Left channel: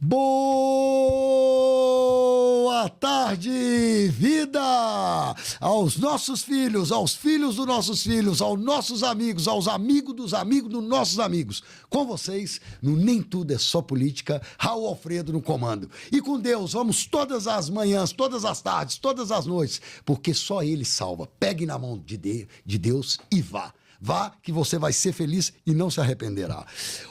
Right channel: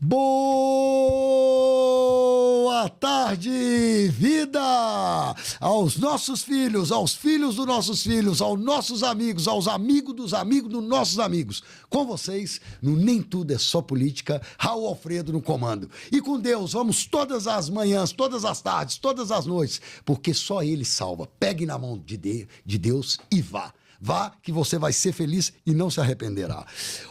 Boa tarde, vida! Aos nossos filhos, aos filhos dos nossos filhos, aos nossos amigos, aos amigos dos nossos amigos. Com vocês, no Nem Tudo é Só Política, Raul Alfredo no comando. E com Deus, vamos todas as manhãs, todas as tardes, todas as noites, porque só Ele salva. Pegue na mão de Deus e vá. Vá que você vai ser feliz e não se arrependerá.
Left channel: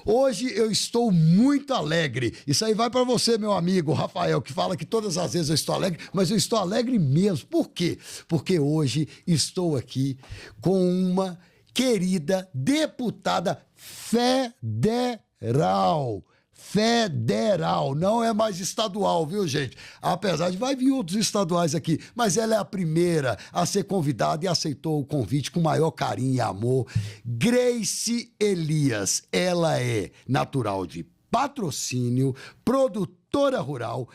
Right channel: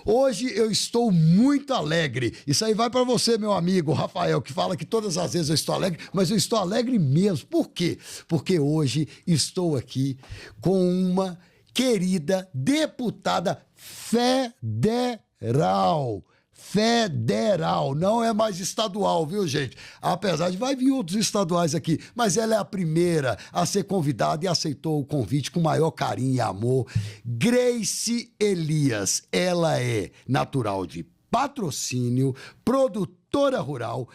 Hoje eu estou muito alegre. Isso aí vai para você, meu amigo Rafael, que fala que todas as vezes eu estou alegre, mas eu estou alegre mesmo. Por quê? Porque hoje estou aqui com uma querida deputada federal. Federal, não é mais estadual, viu, gente? Apesar de vai vir outros estaduais aqui, mas ela é a primeira a ser convidada e aceitou o convite com maior carinho e amor. Grace Elias, ela é natural de Patrocínio, produtora rural,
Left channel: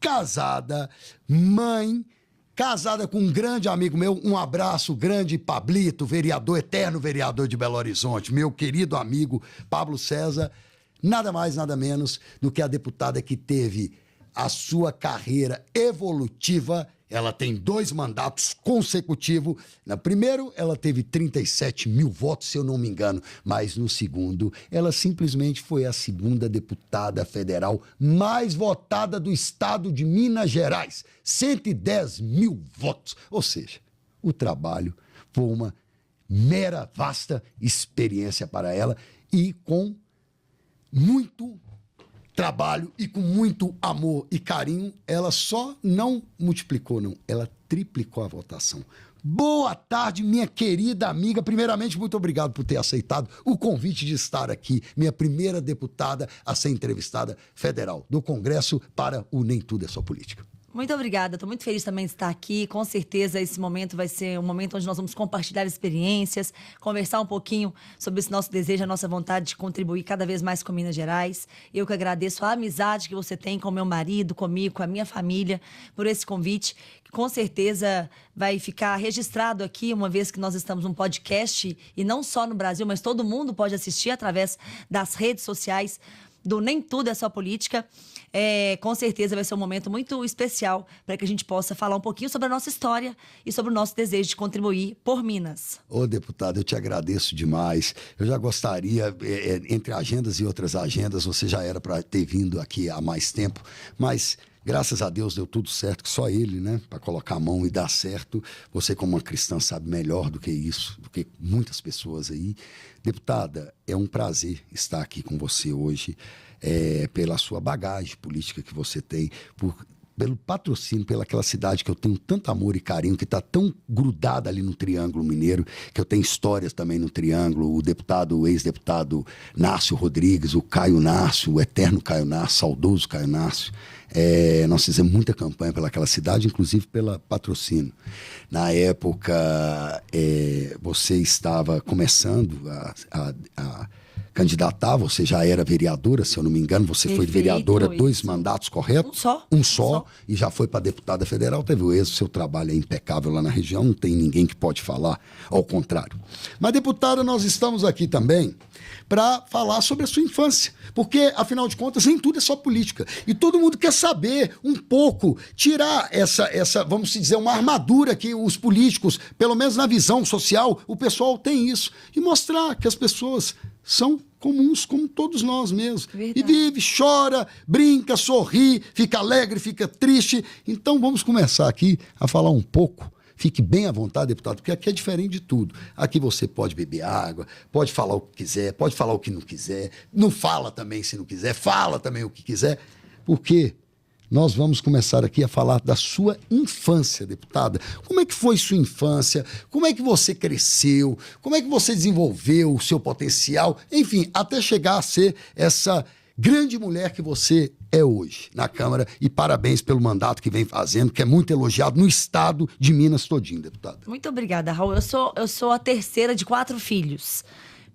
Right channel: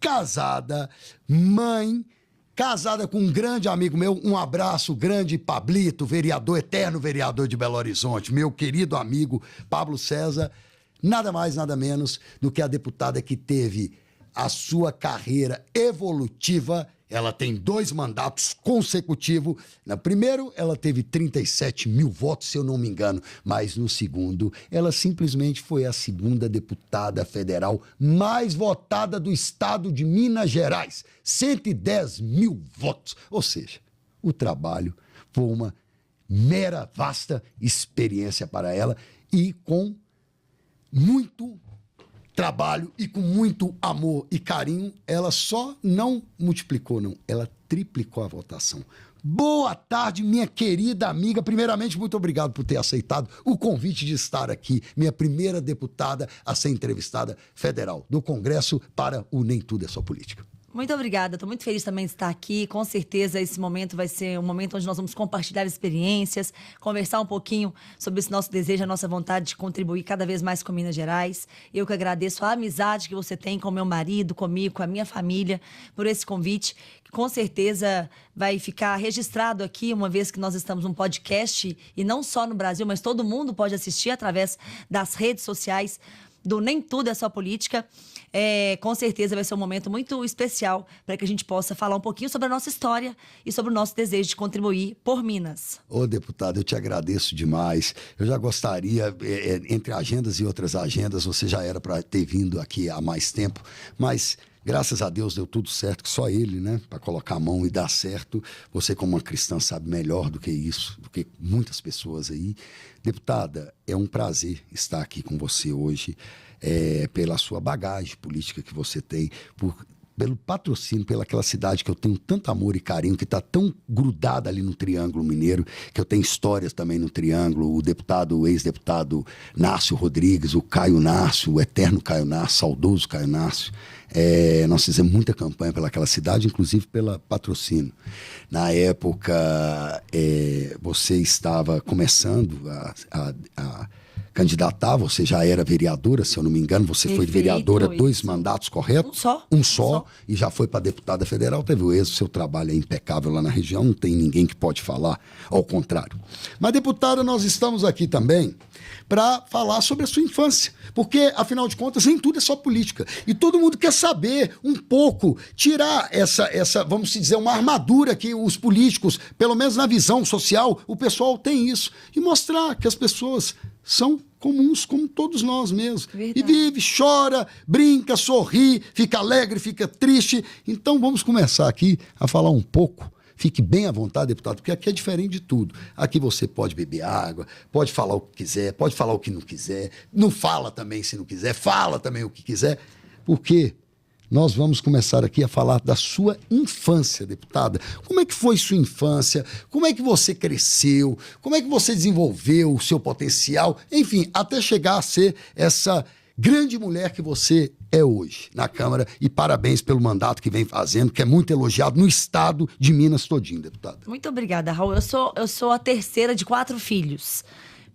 casada, mãe, casada com um grande amigo meu, um abraço grande, Pablito, vereador, eterno vereador de Belo Horizonte, meu querido amigo Pablo César. Nada mais, nada menos do que a deputada que teve a sua carreira evolutiva. Ela tem 2 mandatos consecutivos. No primeiro, ela teve 37 mil votos, se eu não me engano. Mas no segundo, ela simplesmente foi a segunda deputada federal mais votada do estado de Minas Gerais. 110 mil votos. Ou seja, o trabalho foi uma mera, vasta experiência para ela e com muito trabalho e com muito amor e carinho, ela só não multiplicou, não, ela triplicou a votação. Boa tarde, minha querida amiga. Primeiramente, muito obrigado por ter aceitado o convite de estar aqui, minha primeira deputada a ser entrevistada federal do Congresso para o Nem Tudo é Só Política. Muito obrigada, estou muito feliz também de estar aqui. Com certeza esse momento vai ser um momento onde nós vamos compartilhar experiências, conversar um pouquinho sobre esse nosso desejo, a nossa vontade de contribuir cada vez mais com Minas Gerais. Eu que agradeço a amizade que você tem com meu marido, comigo, com a minha família, por esse convite, que com certeza vai ficar registrado aqui, uma vez que nós estamos num podcast, e não só no Brasil, mas todo mundo pode assistir através das redes sociais do Nem Tudo é Só Política. Com certeza vai ser um momento muito especial para que a gente possa falar um pouquinho sobre a nossa história e sobre o nosso desejo de contribuir por Minas. Ô, deputado, eu te agradeço demais. Eu já gostaria, entre agendas e outras agendas, você já era para ter vindo aqui há mais tempo, mas graças a Deus deu tudo certo, que só Ele, né, para colocar a mão e dar certo. Você, como uma cristã, sabe melhor do que isso, do que muitas pessoas aí. Deputada, é um prazer estar aqui com você hoje. Pela sua bagagem política que você tem, pelo patrocínio, pelaquela cidade que eu tenho tanto amor e carinho, que está tão grudada ali no Triângulo Mineiro, que eu tenho histórias também no Triângulo, o ex-deputado Nácio Rodrigues, o Caio Nácio, o eterno Caio Nácio, saudoso Caio Nácio. Nós fizemos muita campanha pelaquela cidade, inclusive pela Patrocínio. Na época, você estava começando a candidatar, você já era vereadora, se eu não me engano, você foi vereadora 2 mandatos, correto? Um só, e já foi para deputada federal, teve o êxito, seu trabalho é impecável lá na região, não tem ninguém que pode falar ao contrário. Mas, deputada, nós estamos aqui também para falar sobre a sua infância, porque, afinal de contas, nem tudo é só política, e todo mundo quer saber um pouco, tirar essa, vamos dizer, uma armadura que os políticos, pelo menos na visão social, o pessoal tem isso, e mostrar que as pessoas são comuns, como todos nós mesmos. Verdade. E vive, chora, brinca, sorri, fica alegre, fica triste. Então vamos começar aqui a falar um pouco. Fique bem à vontade, deputado, porque aqui é diferente de tudo. Aqui você pode beber água, pode falar o que quiser, pode falar o que não quiser, não fala também se não quiser, fala também o que quiser, porque nós vamos começar aqui a falar da sua infância, deputada. Como é que foi sua infância? Como é que você cresceu? Como é que você desenvolveu o seu potencial? Enfim, até chegar a ser essa grande mulher que você é hoje na Câmara. E parabéns pelo mandato que vem fazendo, que é muito elogiado no estado de Minas todinho, deputada. Muito obrigada, Raul. Eu sou a terceira de 4 filhos.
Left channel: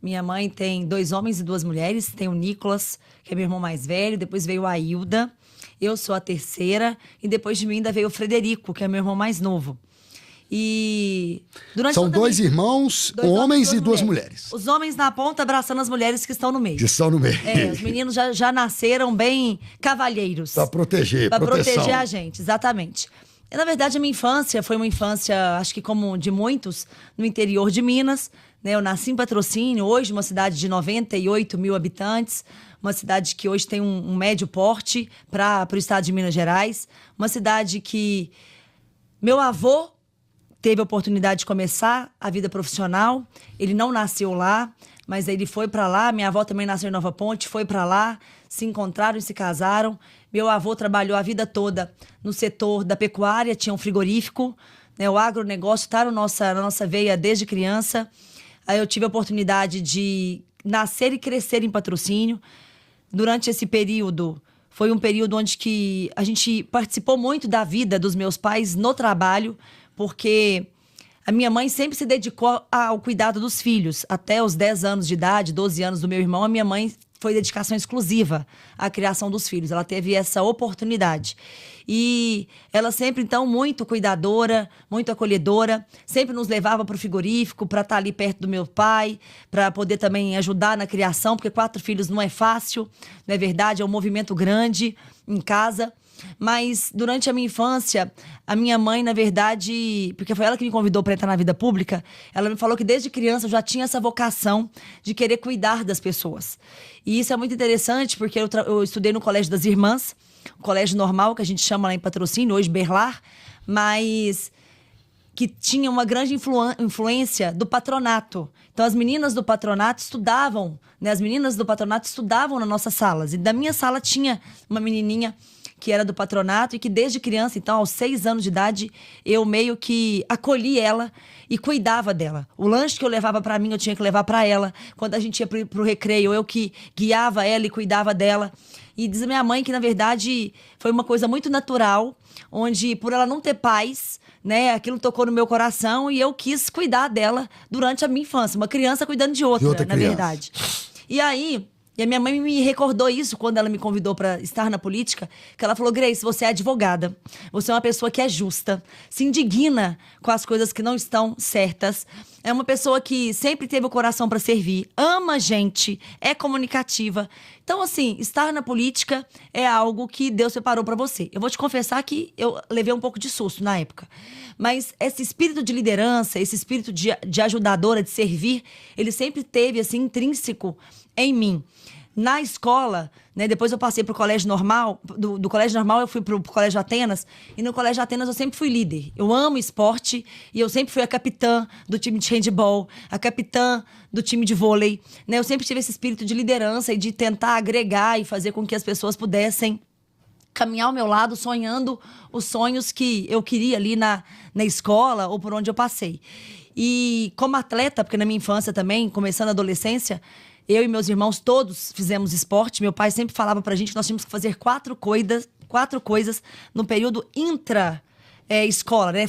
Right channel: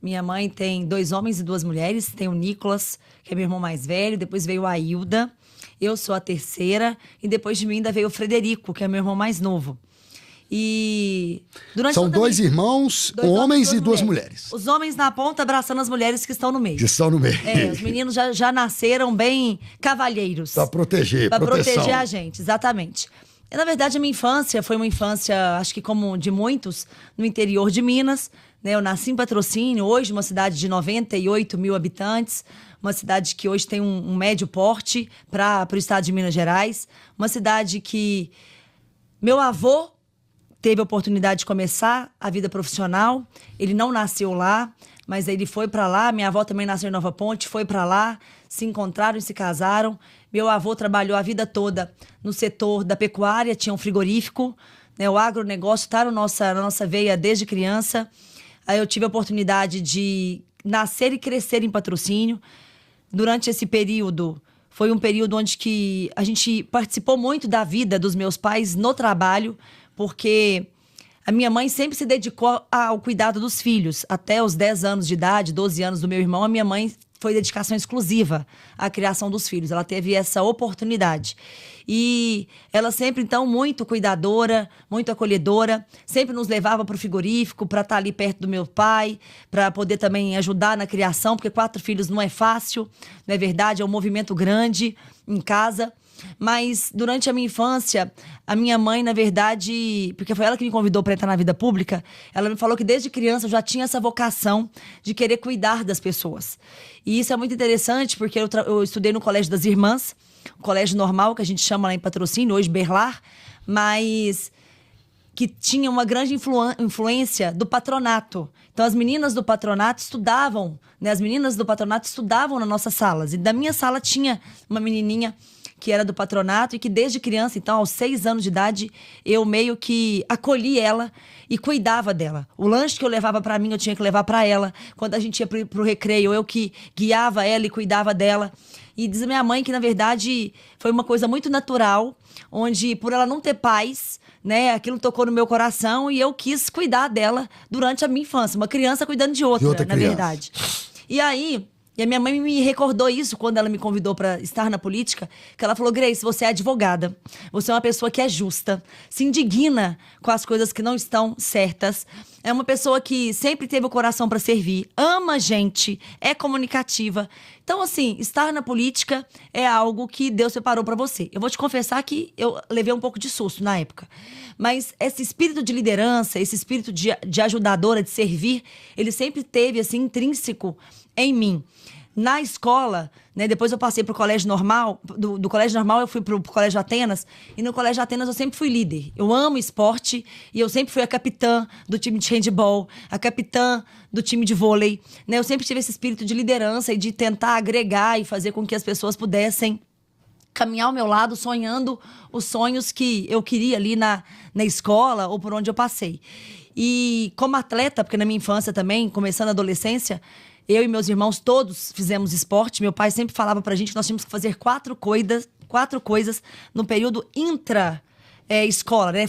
Minha mãe tem 2 homens e 2 mulheres. Tem o Nicolas, que é meu irmão mais velho. Depois veio a Hilda. Eu sou a terceira, e depois de mim ainda veio o Frederico, que é meu irmão mais novo. E durante São dois irmãos, homens e duas mulheres. Os homens na ponta abraçando as mulheres que estão no meio. Que estão no meio. Os meninos já nasceram bem cavalheiros. Para proteger, Para proteger a gente, exatamente. E, na verdade, a minha infância foi uma infância, acho que como de muitos, no interior de Minas. Né? Eu nasci em Patrocínio, hoje uma cidade de 98 mil habitantes, uma cidade que hoje tem um médio porte para o estado de Minas Gerais, uma cidade que meu avô teve a oportunidade de começar a vida profissional. Ele não nasceu lá, mas ele foi para lá. Minha avó também nasceu em Nova Ponte, foi para lá, se encontraram e se casaram. Meu avô trabalhou a vida toda no setor da pecuária, tinha um frigorífico, né? O agronegócio está na nossa veia desde criança. Aí eu tive a oportunidade de nascer e crescer em Patrocínio. Durante esse período, foi um período onde que a gente participou muito da vida dos meus pais no trabalho, porque a minha mãe sempre se dedicou ao cuidado dos filhos. Até os 10 anos de idade, 12 anos do meu irmão, a minha mãe foi dedicação exclusiva à criação dos filhos. Ela teve essa oportunidade. E ela sempre, então, muito cuidadora, muito acolhedora, sempre nos levava para o frigorífico, para estar ali perto do meu pai, para poder também ajudar na criação, porque 4 filhos não é fácil, não é verdade? É um movimento grande em casa. Mas durante a minha infância, a minha mãe, na verdade, porque foi ela que me convidou para entrar na vida pública, ela me falou que desde criança eu já tinha essa vocação de querer cuidar das pessoas. E isso é muito interessante, porque eu estudei no Colégio das Irmãs, o colégio normal, que a gente chama lá em Patrocínio, hoje Berlar, mas que tinha uma grande influência do patronato. Então, as meninas do patronato estudavam, né? As meninas do patronato estudavam nas nossas salas. E da minha sala tinha uma menininha que era do patronato e que desde criança, então, aos 6 anos de idade, eu meio que acolhi ela e cuidava dela. O lanche que eu levava para mim, eu tinha que levar para ela. Quando a gente ia pro recreio, eu que guiava ela e cuidava dela. E diz a minha mãe que, na verdade, foi uma coisa muito natural, onde, por ela não ter pais, né, aquilo tocou no meu coração e eu quis cuidar dela durante a minha infância. Uma criança cuidando de outra, na verdade. E aí, e a minha mãe me recordou isso quando ela me convidou para estar na política, que ela falou: Grace, você é advogada, você é uma pessoa que é justa, se indigna com as coisas que não estão certas, é uma pessoa que sempre teve o coração para servir, ama a gente, é comunicativa. Então, assim, estar na política é algo que Deus separou para você. Eu vou te confessar que eu levei um pouco de susto na época. Mas esse espírito de liderança, esse espírito de ajudadora, de servir, ele sempre teve, assim, intrínseco em mim. Na escola, né, depois eu passei para o colégio normal, do colégio normal eu fui para o colégio Atenas, e no colégio Atenas eu sempre fui líder. Eu amo esporte e eu sempre fui a capitã do time de handball, a capitã do time de vôlei. Né? Eu sempre tive esse espírito de liderança e de tentar agregar e fazer com que as pessoas pudessem caminhar ao meu lado, sonhando os sonhos que eu queria ali na escola ou por onde eu passei. E como atleta, porque na minha infância também, começando a adolescência, eu e meus irmãos todos fizemos esporte. Meu pai sempre falava pra gente que nós tínhamos que fazer 4 coisas no período escola, né?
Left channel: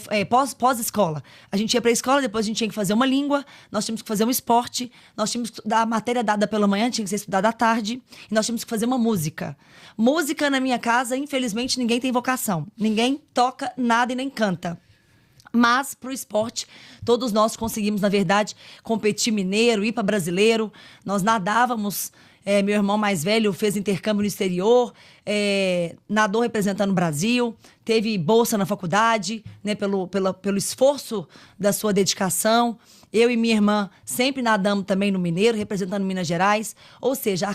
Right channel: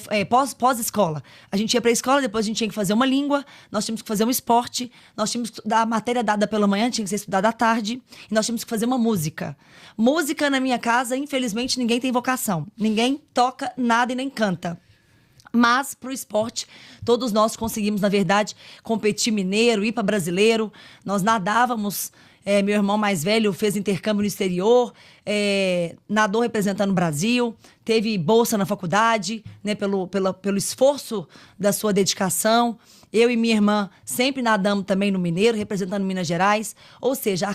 Pós-escola. A gente ia pra escola, depois a gente tinha que fazer uma língua, nós tínhamos que fazer um esporte, nós tínhamos que estudar a matéria dada pela manhã, tinha que ser estudada à tarde, e nós tínhamos que fazer uma música. Música na minha casa, infelizmente, ninguém tem vocação. Ninguém toca nada e nem canta. Mas, para o esporte, todos nós conseguimos, na verdade, competir mineiro, ir para brasileiro. Nós nadávamos, meu irmão mais velho fez intercâmbio no exterior, nadou representando o Brasil, teve bolsa na faculdade, né, pelo esforço da sua dedicação. Eu e minha irmã sempre nadamos também no mineiro, representando Minas Gerais. Ou seja,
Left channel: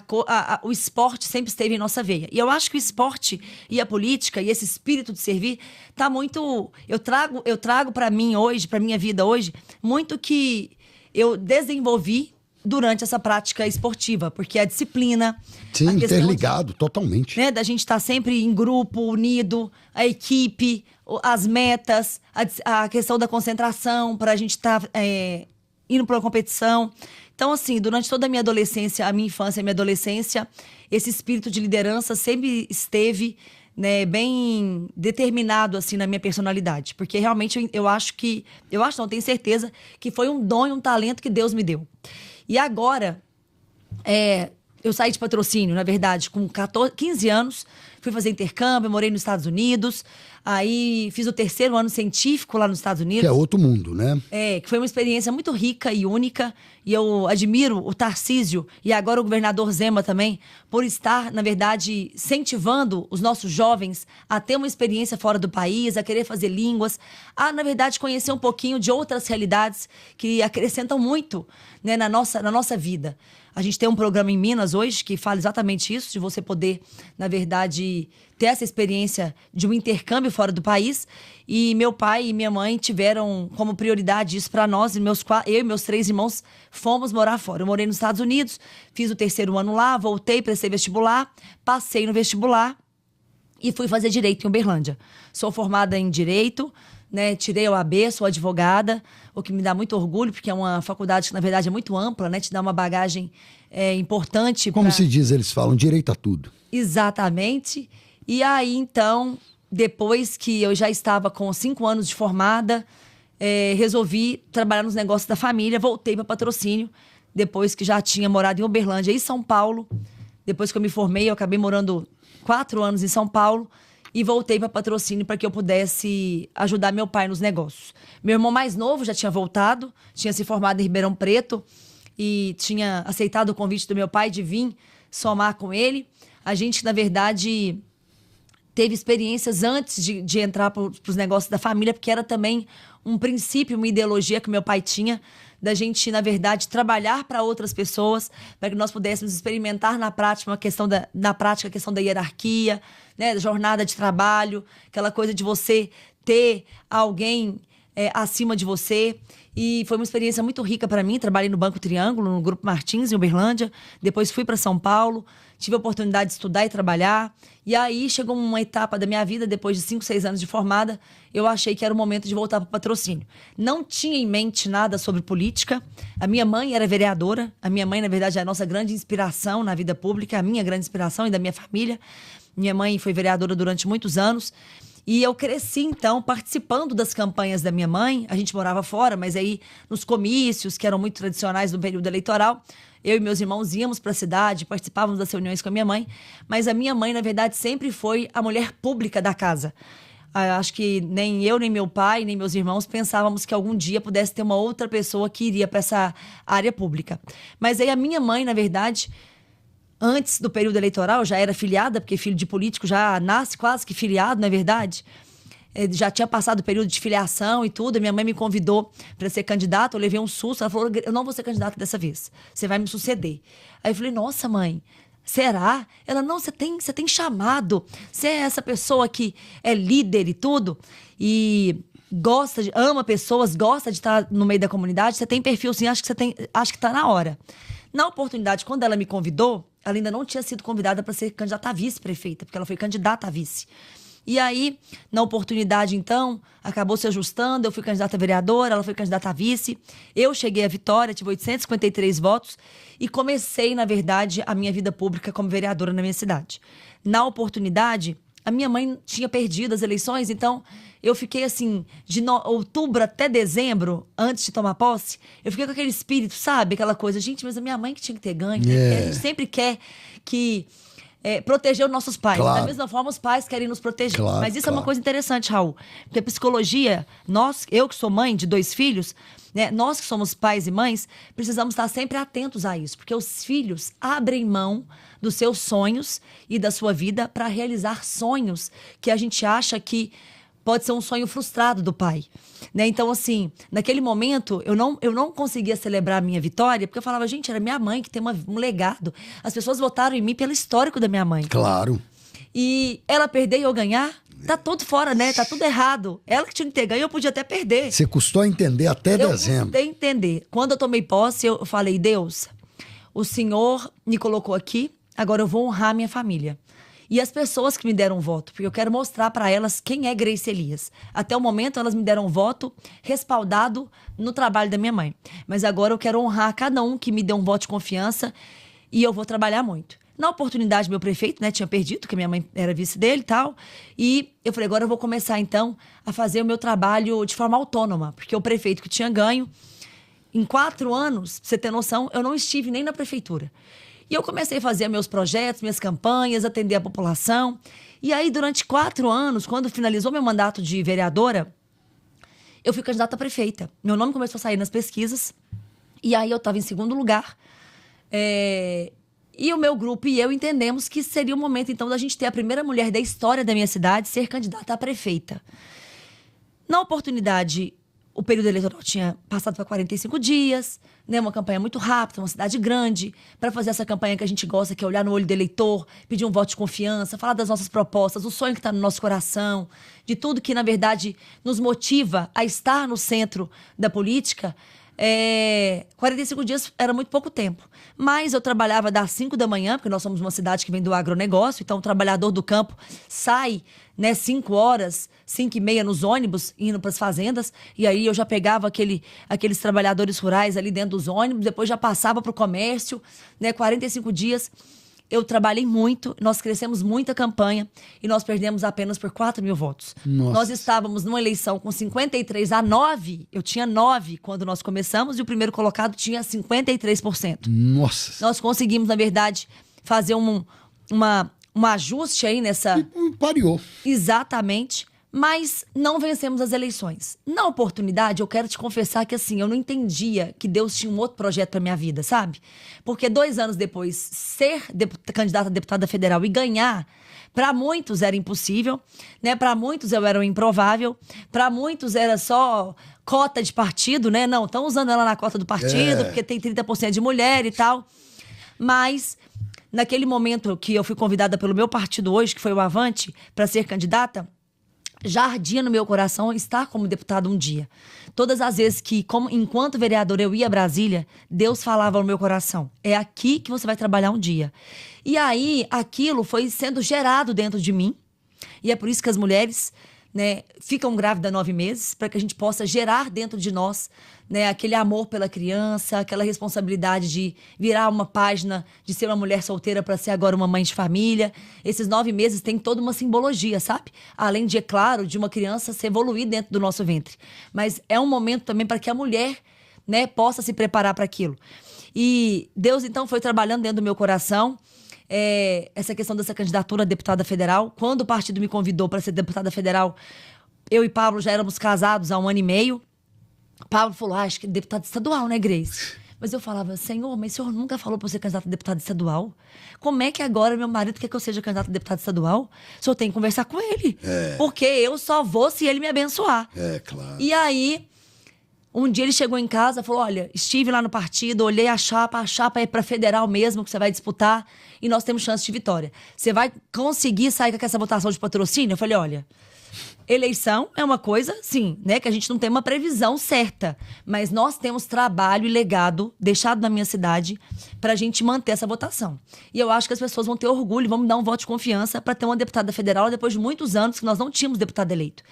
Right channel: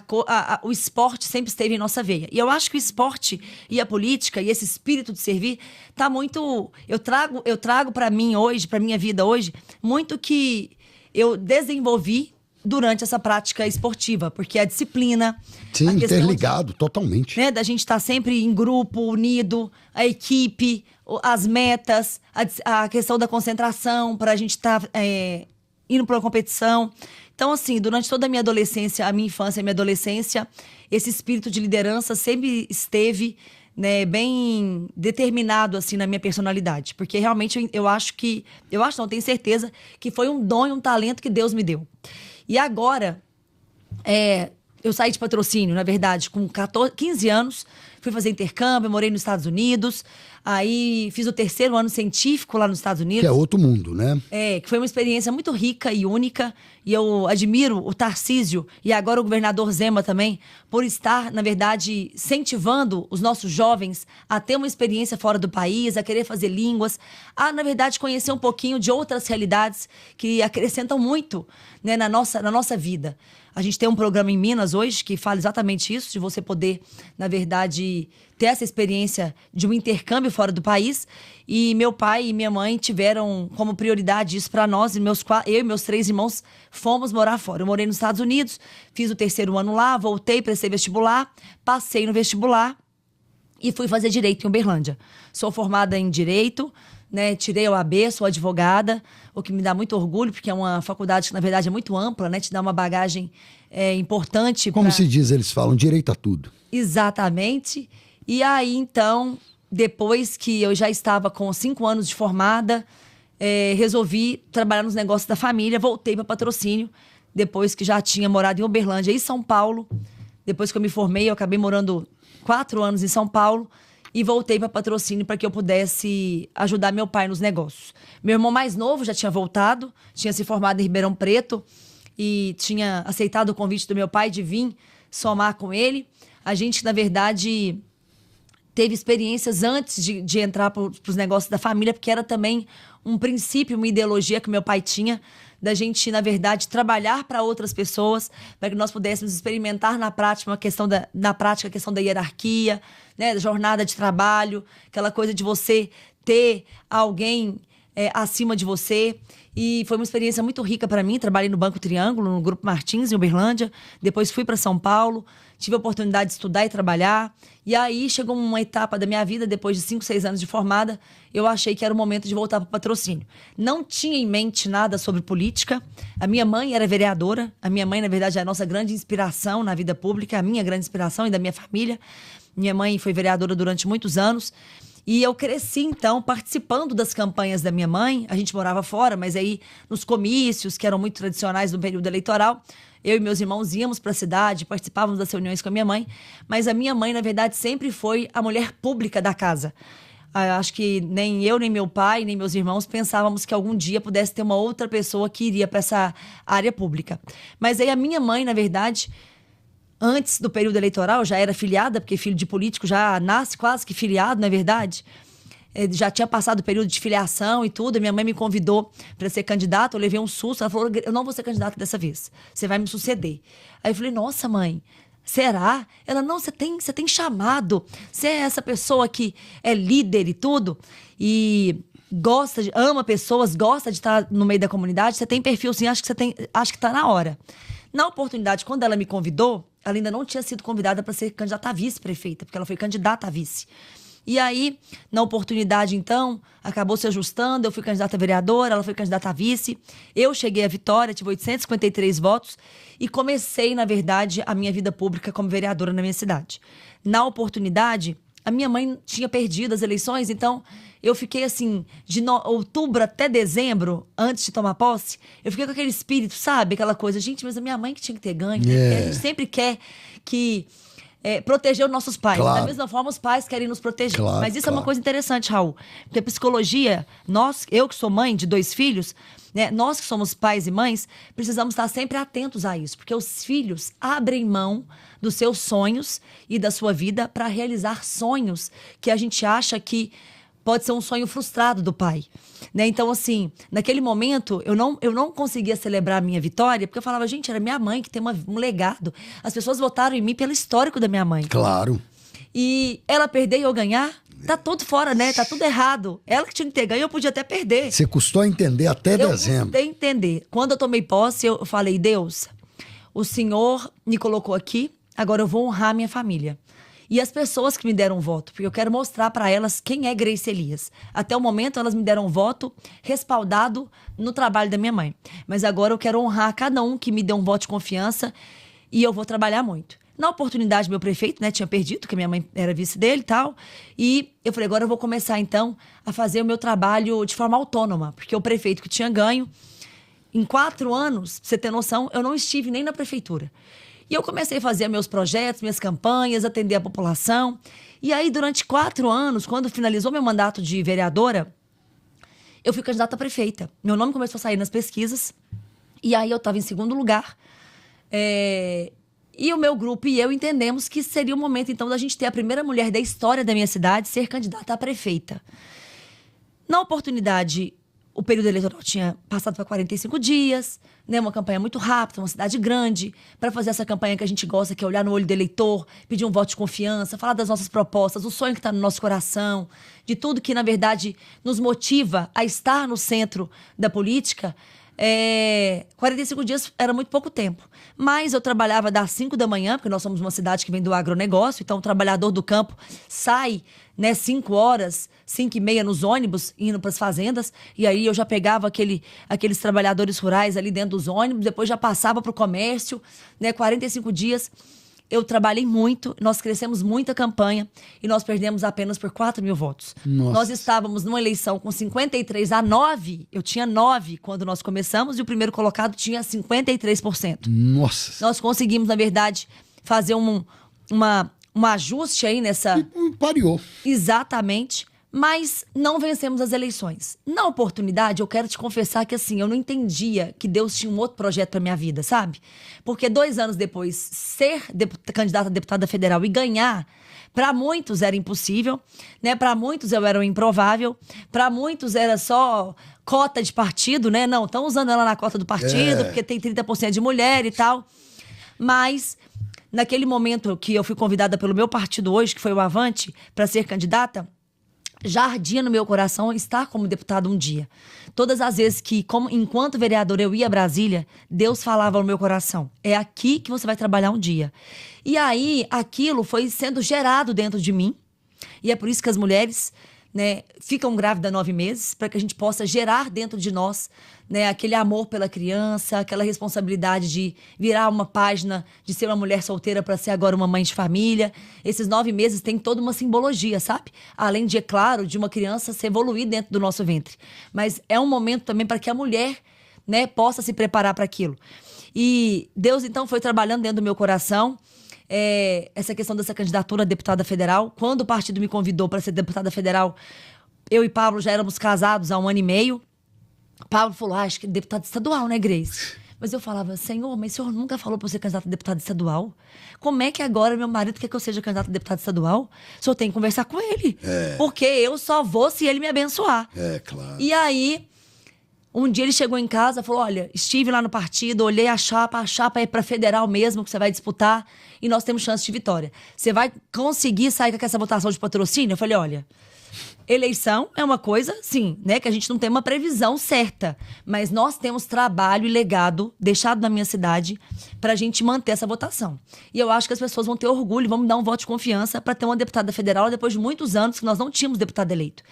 o esporte sempre esteve em nossa veia. E eu acho que o esporte e a política e esse espírito de servir tá muito... Eu trago para mim hoje, para minha vida hoje, muito que eu desenvolvi durante essa prática esportiva. Porque a disciplina... Sim, interligado, totalmente. Né, da gente estar sempre em grupo, unido, a equipe, as metas, a questão da concentração, para a gente estar indo para uma competição. Então, assim, durante toda a minha adolescência, a minha infância e a minha adolescência, esse espírito de liderança sempre esteve, né, bem determinado, assim, na minha personalidade. Porque realmente não, tenho certeza que foi um dom e um talento que Deus me deu. E agora, eu saí de Patrocínio, na verdade, com 15 anos, fui fazer intercâmbio, morei nos Estados Unidos, aí fiz o 3º ano científico lá nos Estados Unidos. Que é outro mundo, né? Que foi uma experiência muito rica e única, e eu admiro o Tarcísio e agora o governador Zema também, por estar, na verdade, incentivando os nossos jovens a ter uma experiência fora do país, a querer fazer línguas, a, na verdade, conhecer um pouquinho de outras realidades que acrescentam muito, né, na nossa vida. A gente tem um programa em Minas hoje que fala exatamente isso, de você poder, na verdade, ter essa experiência de um intercâmbio fora do país. E meu pai e minha mãe tiveram como prioridade isso para nós. Eu e meus 3 irmãos fomos morar fora. Eu morei nos Estados Unidos, fiz o 3º ano lá, voltei, prestei vestibular, passei no vestibular e fui fazer Direito em Uberlândia. Sou formada em Direito, né? Tirei a OAB, sou advogada, o que me dá muito orgulho, porque é uma faculdade que, na verdade, é muito ampla, né? Te dá uma bagagem importante. Como se diz, eles falam direito a tudo. Exatamente. E aí, então, depois que eu já estava com 5 anos de formada, resolvi trabalhar nos negócios da família, voltei para Patrocínio, depois que já tinha morado em Uberlândia e São Paulo. Depois que eu me formei, eu acabei morando 4 anos em São Paulo e voltei para Patrocínio para que eu pudesse ajudar meu pai nos negócios. Meu irmão mais novo já tinha voltado, tinha se formado em Ribeirão Preto e tinha aceitado o convite do meu pai de vir somar com ele. A gente, na verdade, teve experiências antes de entrar para os negócios da família, porque era também um princípio, uma ideologia que meu pai tinha, da gente, na verdade, trabalhar para outras pessoas, para que nós pudéssemos experimentar na prática a questão da hierarquia, né, da jornada de trabalho, aquela coisa de você ter alguém acima de você. E foi uma experiência muito rica para mim. Trabalhei no Banco Triângulo, no Grupo Martins, em Uberlândia. Depois fui para São Paulo, tive a oportunidade de estudar e trabalhar. E aí chegou uma etapa da minha vida, depois de 5, 6 anos de formada, eu achei que era o momento de voltar para o Patrocínio. Não tinha em mente nada sobre política. A minha mãe era vereadora. A minha mãe, na verdade, é a nossa grande inspiração na vida pública, a minha grande inspiração e da minha família. Minha mãe foi vereadora durante muitos anos. E eu cresci, então, participando das campanhas da minha mãe. A gente morava fora, mas aí nos comícios, que eram muito tradicionais no período eleitoral, eu e meus irmãos íamos para a cidade, participávamos das reuniões com a minha mãe. Mas a minha mãe, na verdade, sempre foi a mulher pública da casa. Acho que nem eu, nem meu pai, nem meus irmãos pensávamos que algum dia pudesse ter uma outra pessoa que iria para essa área pública. Mas aí a minha mãe, na verdade, antes do período eleitoral, já era filiada, porque filho de político já nasce quase que filiado, na verdade. Já tinha passado o período de filiação e tudo. Minha mãe me convidou para ser candidata, eu levei um susto. Ela falou, eu não vou ser candidata dessa vez, você vai me suceder. Aí eu falei, nossa, mãe, será? Ela, não, você tem chamado, você é essa pessoa que é líder e tudo, e ama pessoas, gosta de estar no meio da comunidade, você tem perfil sim, acho que está na hora. Na oportunidade, quando ela me convidou, ela ainda não tinha sido convidada para ser candidata a vice-prefeita, porque ela foi candidata a vice. E aí, na oportunidade, então, acabou se ajustando, eu fui candidata a vereadora, ela foi candidata a vice, eu cheguei à vitória, tive 853 votos e comecei, na verdade, a minha vida pública como vereadora na minha cidade. Na oportunidade, a minha mãe tinha perdido as eleições, então eu fiquei assim, de outubro até dezembro, antes de tomar posse, eu fiquei com aquele espírito, sabe? Aquela coisa, gente, mas a minha mãe que tinha que ter ganho. A gente sempre quer que proteger os nossos pais. Claro. Da mesma forma, os pais querem nos proteger. Claro, mas isso é uma coisa interessante, Raul. Porque a psicologia, eu que sou mãe de 2 filhos, né, nós que somos pais e mães, precisamos estar sempre atentos a isso. Porque os filhos abrem mão dos seus sonhos e da sua vida para realizar sonhos que a gente acha que pode ser um sonho frustrado do pai. Né? Então, assim, naquele momento, eu não conseguia celebrar a minha vitória, porque eu falava, gente, era minha mãe que tem um legado. As pessoas votaram em mim pelo histórico da minha mãe. Claro. E ela perder e eu ganhar, tá tudo fora, né? Tá tudo errado. Ela que tinha que ter ganho, eu podia até perder. Você custou entender até dezembro. Eu custei entender. Quando eu tomei posse, eu falei, Deus, o Senhor me colocou aqui, agora eu vou honrar minha família. E as pessoas que me deram voto, porque eu quero mostrar para elas quem é Grace Elias. Até o momento, elas me deram voto respaldado no trabalho da minha mãe. Mas agora eu quero honrar cada um que me deu um voto de confiança e eu vou trabalhar muito. Na oportunidade, meu prefeito, né, tinha perdido, porque minha mãe era vice dele e tal. E eu falei, agora eu vou começar, então, a fazer o meu trabalho de forma autônoma. Porque o prefeito que tinha ganho, em 4 anos, pra você ter noção, eu não estive nem na prefeitura. E eu comecei a fazer meus projetos, minhas campanhas, atender a população. E aí, durante 4 anos, quando finalizou meu mandato de vereadora, eu fui candidata a prefeita. Meu nome começou a sair nas pesquisas. E aí, eu estava em segundo lugar. E o meu grupo e eu entendemos que seria o momento, então, da gente ter a primeira mulher da história da minha cidade ser candidata a prefeita. Na oportunidade, o período eleitoral tinha passado para 45 dias, né? Uma campanha muito rápida, uma cidade grande, para fazer essa campanha que a gente gosta, que é olhar no olho do eleitor, pedir um voto de confiança, falar das nossas propostas, o sonho que está no nosso coração, de tudo que, na verdade, nos motiva a estar no centro da política. 45 dias era muito pouco tempo. Mas eu trabalhava das 5 da manhã, porque nós somos uma cidade que vem do agronegócio, então o trabalhador do campo sai, né, 5 horas, 5h30 nos ônibus, indo para as fazendas, e aí eu já pegava aqueles trabalhadores rurais ali dentro dos ônibus, depois já passava para o comércio, né, 45 dias. Eu trabalhei muito, nós crescemos muito a campanha e nós perdemos apenas por 4 mil votos. Nossa. Nós estávamos numa eleição com 53-9, eu tinha 9 quando nós começamos e o primeiro colocado tinha 53%. Nossa. Nós conseguimos, na verdade, fazer um ajuste aí nessa... Pariu. Exatamente. Mas não vencemos as eleições. Na oportunidade, eu quero te confessar que, assim, eu não entendia que Deus tinha um outro projeto para minha vida, sabe? Porque 2 anos depois, ser candidata a deputada federal e ganhar, para muitos era impossível, né? Para muitos eu era um improvável, para muitos era só cota de partido, né? Não, estão usando ela na cota do partido, porque tem 30% de mulher e tal. Mas, naquele momento que eu fui convidada pelo meu partido hoje, que foi o Avante, para ser candidata, já ardia no meu coração estar como deputada um dia. Todas as vezes que, enquanto vereadora, eu ia a Brasília, Deus falava no meu coração: é aqui que você vai trabalhar um dia. E aí, aquilo foi sendo gerado dentro de mim. E é por isso que as mulheres, né, ficam grávidas 9 meses, para que a gente possa gerar dentro de nós, né, aquele amor pela criança, aquela responsabilidade de virar uma página, de ser uma mulher solteira para ser agora uma mãe de família. Esses 9 meses tem toda uma simbologia, sabe? Além de, é claro, de uma criança se evoluir dentro do nosso ventre. Mas é um momento também para que a mulher, né, possa se preparar para aquilo. E Deus, então, foi trabalhando dentro do meu coração essa questão dessa candidatura a deputada federal. Quando o partido me convidou para ser deputada federal, eu e Pablo já éramos casados há 1 ano e meio. Pablo falou: acho que é deputado estadual, né, Grace? Mas eu falava: Senhor, mas o senhor nunca falou para eu ser candidato a deputado estadual? Como é que agora meu marido quer que eu seja candidato a deputado estadual? O senhor tem que conversar com ele. Porque eu só vou se ele me abençoar. Claro. E aí, um dia ele chegou em casa e falou: olha, estive lá no partido, olhei a chapa é para federal mesmo que você vai disputar e nós temos chance de vitória. Você vai conseguir sair com essa votação de patrocínio? Eu falei: olha, eleição é uma coisa, sim, né, que a gente não tem uma previsão certa, mas nós temos trabalho e legado deixado na minha cidade para a gente manter essa votação. E eu acho que as pessoas vão ter orgulho, vão me dar um voto de confiança para ter uma deputada federal depois de muitos anos que nós não tínhamos deputado eleito.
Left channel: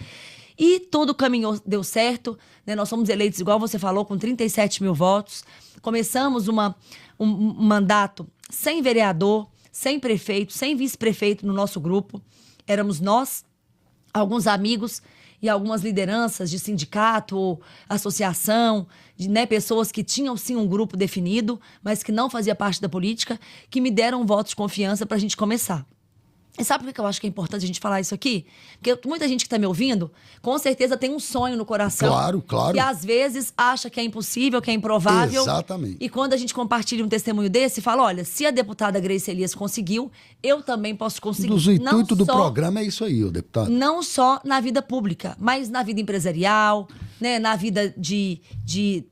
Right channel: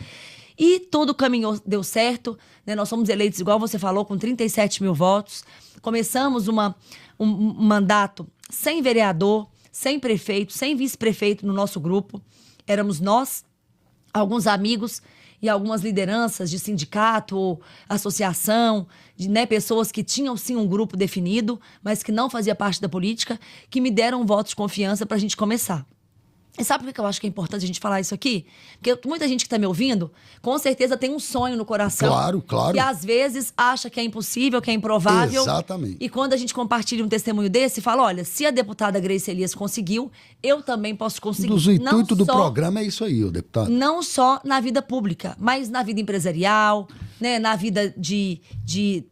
E tudo caminhou, deu certo, né? Nós fomos eleitos, igual você falou, com 37 mil votos. Começamos um mandato sem vereador, sem prefeito, sem vice-prefeito no nosso grupo. Éramos nós, alguns amigos e algumas lideranças de sindicato, associação, né, pessoas que tinham sim um grupo definido, mas que não fazia parte da política, que me deram um voto de confiança para a gente começar. E sabe por que eu acho que é importante a gente falar isso aqui? Porque muita gente que está me ouvindo, com certeza tem um sonho no coração. Claro, claro. E às vezes acha que é impossível, que é improvável. Exatamente. E quando a gente compartilha um testemunho desse, fala: olha, se a deputada Grace Elias conseguiu, eu também posso conseguir. O intuito do programa é isso aí, o deputado. Não só na vida pública, mas na vida empresarial, né, na vida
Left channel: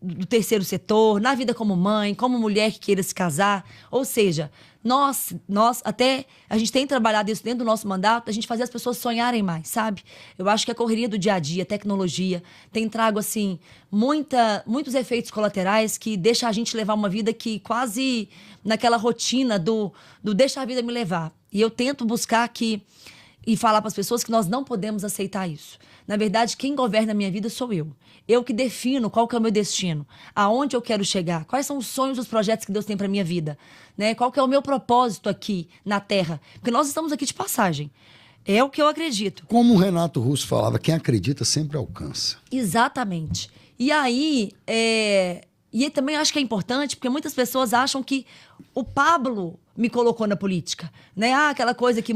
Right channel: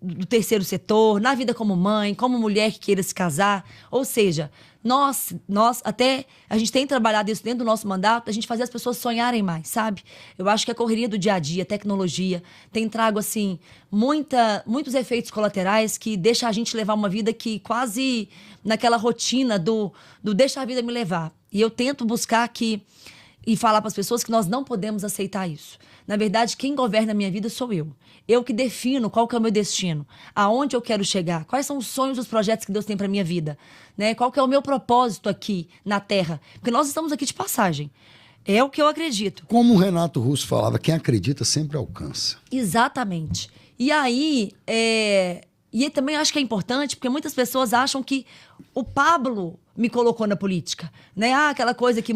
do terceiro setor, na vida como mãe, como mulher que queira se casar. Ou seja, nós até, a gente tem trabalhado isso dentro do nosso mandato, a gente fazer as pessoas sonharem mais, sabe? Eu acho que a correria do dia a dia, a tecnologia, tem trago, assim, muitos efeitos colaterais que deixa a gente levar uma vida que quase naquela rotina do deixa a vida me levar. E eu tento buscar aqui e falar para as pessoas que nós não podemos aceitar isso. Na verdade, quem governa a minha vida sou eu. Eu que defino qual que é o meu destino, aonde eu quero chegar, quais são os sonhos e os projetos que Deus tem para minha vida, né? Qual que é o meu propósito aqui na Terra. Porque nós estamos aqui de passagem. É o que eu acredito. Como o Renato Russo falava, quem acredita sempre alcança. Exatamente. E aí, E também acho que é importante, porque muitas pessoas acham que o Pablo me colocou na política, né? Aquela coisa que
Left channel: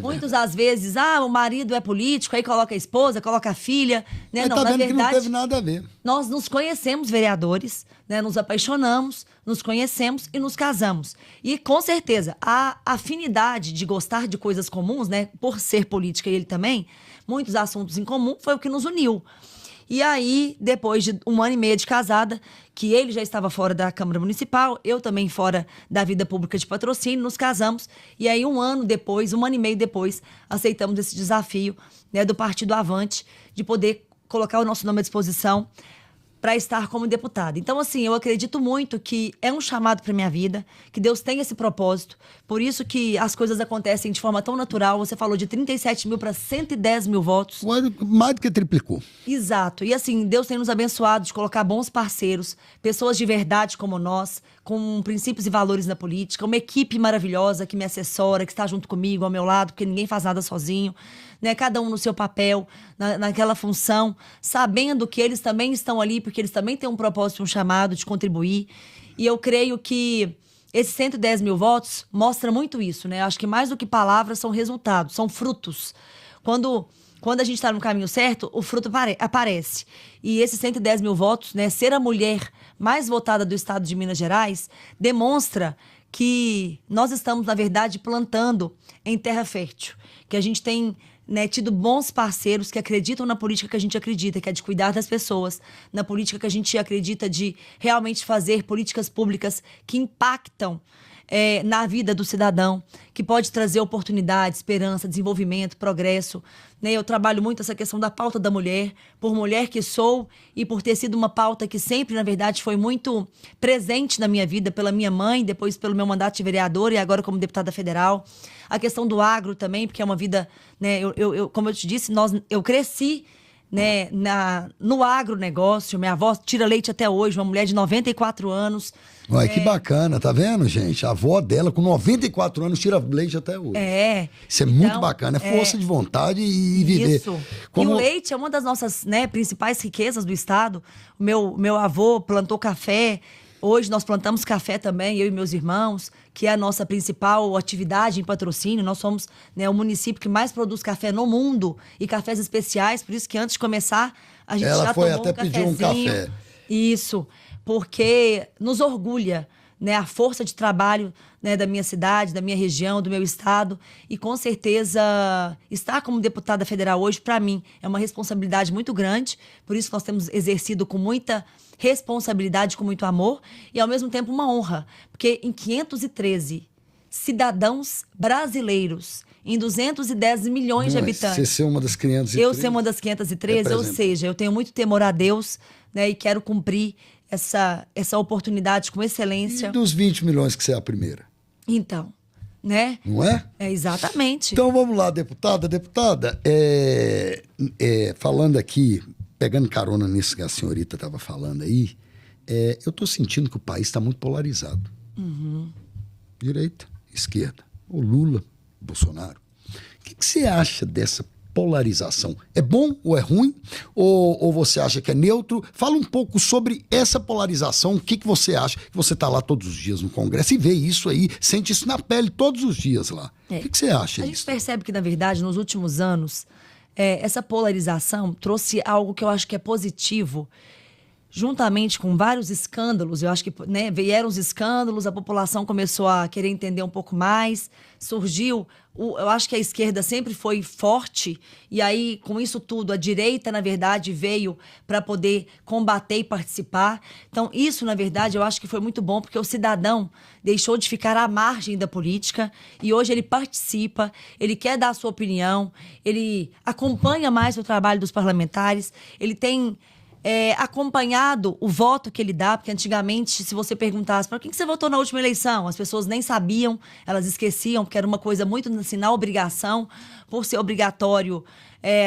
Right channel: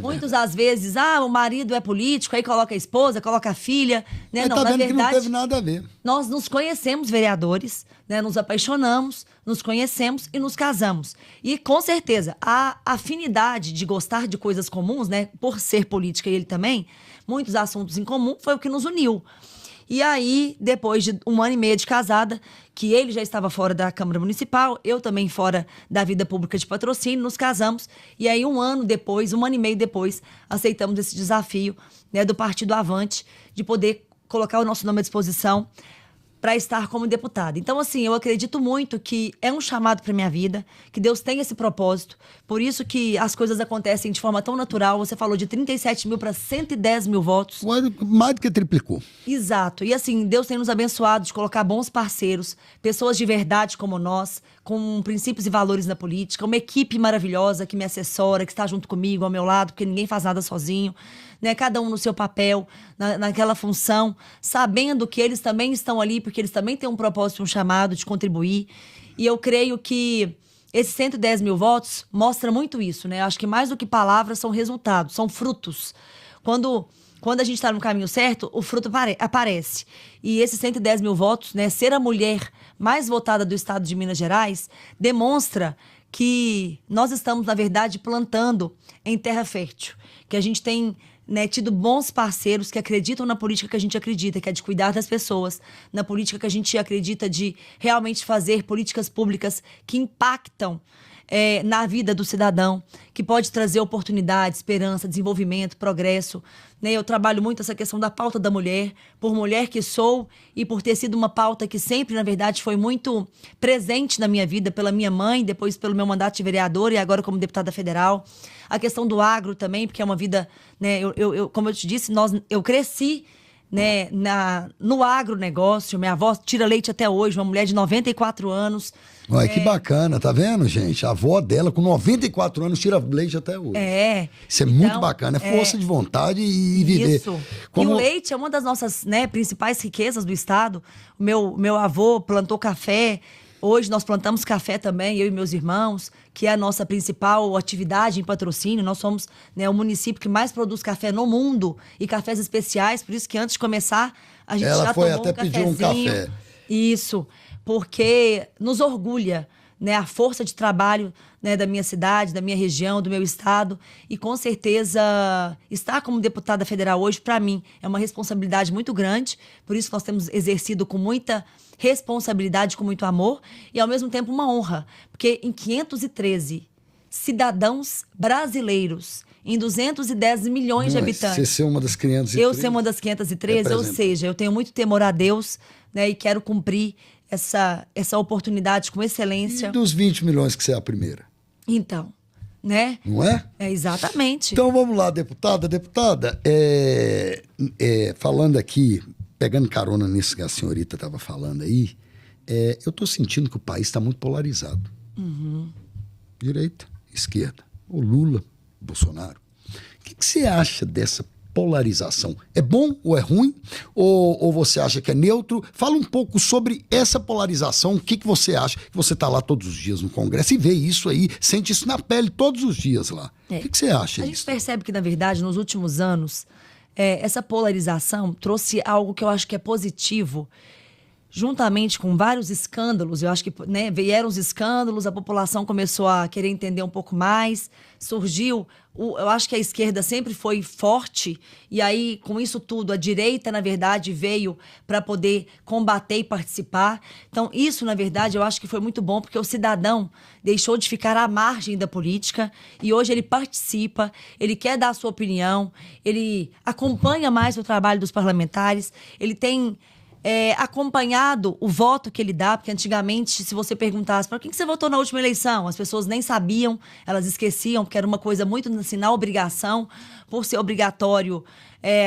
muitos às vezes, o marido é político, aí coloca a esposa, coloca a filha, né? Mas Não, tá na vendo verdade, que não teve nada a ver. nós nos conhecemos, vereadores, né? Nos apaixonamos, nos conhecemos e nos casamos. E, com certeza, a afinidade de gostar de coisas comuns, né? Por ser política e ele também, muitos assuntos em comum, foi o que nos uniu. E aí, depois de 1 ano e meio de casada, que ele já estava fora da Câmara Municipal, eu também fora da vida pública de Patrocínio, nos casamos. E aí, 1 ano e meio depois, aceitamos esse desafio, né, do Partido Avante, de poder colocar o nosso nome à disposição para estar como deputada. Então, assim, eu acredito muito que é um chamado para minha vida, que Deus tem esse propósito, por isso que as coisas acontecem de forma tão natural. Você falou de 37 mil para 110 mil votos. Mais do que triplicou. Exato. E assim, Deus tem nos abençoado de colocar bons parceiros, pessoas de verdade como nós, com princípios e valores na política, uma equipe maravilhosa que me assessora, que está junto comigo, ao meu lado, porque ninguém faz nada sozinho, né? Cada um no seu papel, naquela função, sabendo que eles também estão ali, porque eles também têm um propósito, um chamado de contribuir. E eu creio que esses 110 mil votos mostra muito isso, né? Acho que mais do que palavras são resultados, são frutos. Quando a gente está no caminho certo, o fruto aparece. E esses 110 mil votos, né, ser a mulher mais votada do estado de Minas Gerais, demonstra que nós estamos, na verdade, plantando em terra fértil. Que a gente tem, né, tido bons parceiros que acreditam na política que a gente acredita, que é de cuidar das pessoas, na política que a gente acredita de realmente fazer políticas públicas que impactam na vida do cidadão, que pode trazer oportunidade, esperança, desenvolvimento, progresso. Né? Eu trabalho muito essa questão da pauta da mulher, por mulher que sou e por ter sido uma pauta que sempre, na verdade, foi muito presente na minha vida, pela minha mãe, depois pelo meu mandato de vereadora e agora como deputada federal. A questão do agro também, porque é uma vida, né, como eu te disse, eu cresci, né, no agronegócio. Minha avó tira leite até hoje, uma mulher de 94 anos. Olha, que bacana, tá vendo, gente? A avó dela, com 94 anos, tira leite até hoje. Isso é então, muito bacana, é força de vontade e viver. Isso. E o leite é uma das nossas, né, principais riquezas do estado. O meu avô plantou café. Hoje nós plantamos café também, eu e meus irmãos, que é a nossa principal atividade em Patrocínio. Nós somos, né, o município que mais produz café no mundo e cafés especiais, por isso que antes de começar a gente já tomou um cafezinho. Ela foi até pedir um café. Isso, porque nos orgulha, né, a força de trabalho, né, da minha cidade, da minha região, do meu estado. E com certeza estar como deputada federal hoje, para mim, é uma responsabilidade muito grande. Por isso nós temos exercido com muita responsabilidade, com muito amor e, ao mesmo tempo, uma honra. Porque em 513 cidadãos brasileiros, em 210 milhões de habitantes. Você ser uma das 513? Eu ser uma das 513, ou seja, eu tenho muito temor a Deus, né, e quero cumprir essa oportunidade com excelência. E dos 20 milhões que você é a primeira? Então, né? Não é? Exatamente. Então vamos lá, deputada. Deputada, falando aqui, pegando carona nisso que a senhorita estava falando aí, eu estou sentindo que o país está muito polarizado. Uhum. Direita, esquerda, o Lula, o Bolsonaro. O que você acha dessa polarização? É bom ou é ruim? Ou você acha que é neutro? Fala um pouco sobre essa polarização. O que você acha? Que você está lá todos os dias no Congresso e vê isso aí, sente isso na pele todos os dias lá. O que você acha disso? A gente percebe que, na verdade, nos últimos anos, essa polarização trouxe algo que eu acho que é positivo, juntamente com vários escândalos. Eu acho que, né, vieram os escândalos, a população começou a querer entender um pouco mais, surgiu, eu acho que a esquerda sempre foi forte, e aí, com isso tudo, a direita, na verdade, veio para poder combater e participar. Então, isso, na verdade, eu acho que foi muito bom, porque o cidadão deixou de ficar à margem da política, e hoje ele participa, ele quer dar a sua opinião, ele acompanha mais o trabalho dos parlamentares, ele tem acompanhado o voto que ele dá, porque antigamente, se você perguntasse para quem que você votou na última eleição, as pessoas nem sabiam, elas esqueciam, porque era uma coisa muito assim, na obrigação, por ser obrigatório,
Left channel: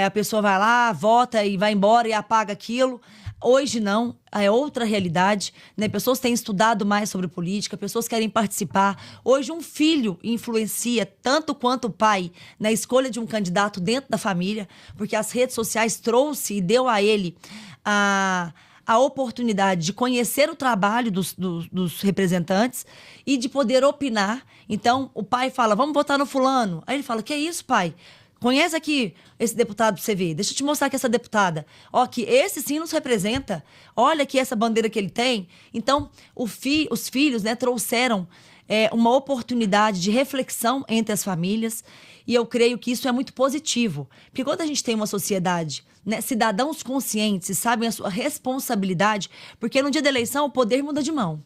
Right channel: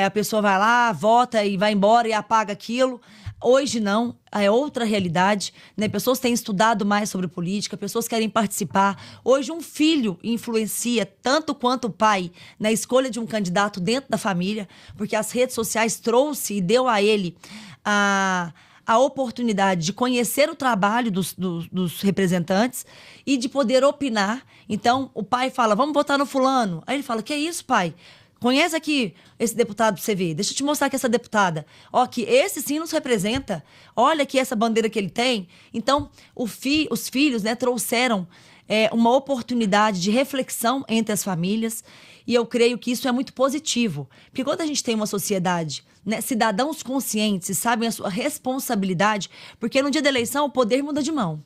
a pessoa vai lá, vota e vai embora e apaga aquilo. Hoje não, é outra realidade, né? Pessoas têm estudado mais sobre política, pessoas querem participar. Hoje um filho influencia tanto quanto o pai na escolha de um candidato dentro da família, porque as redes sociais trouxe e deu a ele a a oportunidade de conhecer o trabalho dos representantes e de poder opinar. Então, o pai fala, vamos votar no fulano. Aí ele fala, que é isso, pai? Conhece aqui esse deputado pra você ver. Deixa eu te mostrar aqui essa deputada. Ó, que esse sim nos representa. Olha aqui essa bandeira que ele tem. Então, os filhos, né, trouxeram uma oportunidade de reflexão entre as famílias. E eu creio que isso é muito positivo. Porque quando a gente tem uma sociedade, né, cidadãos conscientes, sabem a sua responsabilidade, porque no dia da eleição o poder muda de mão.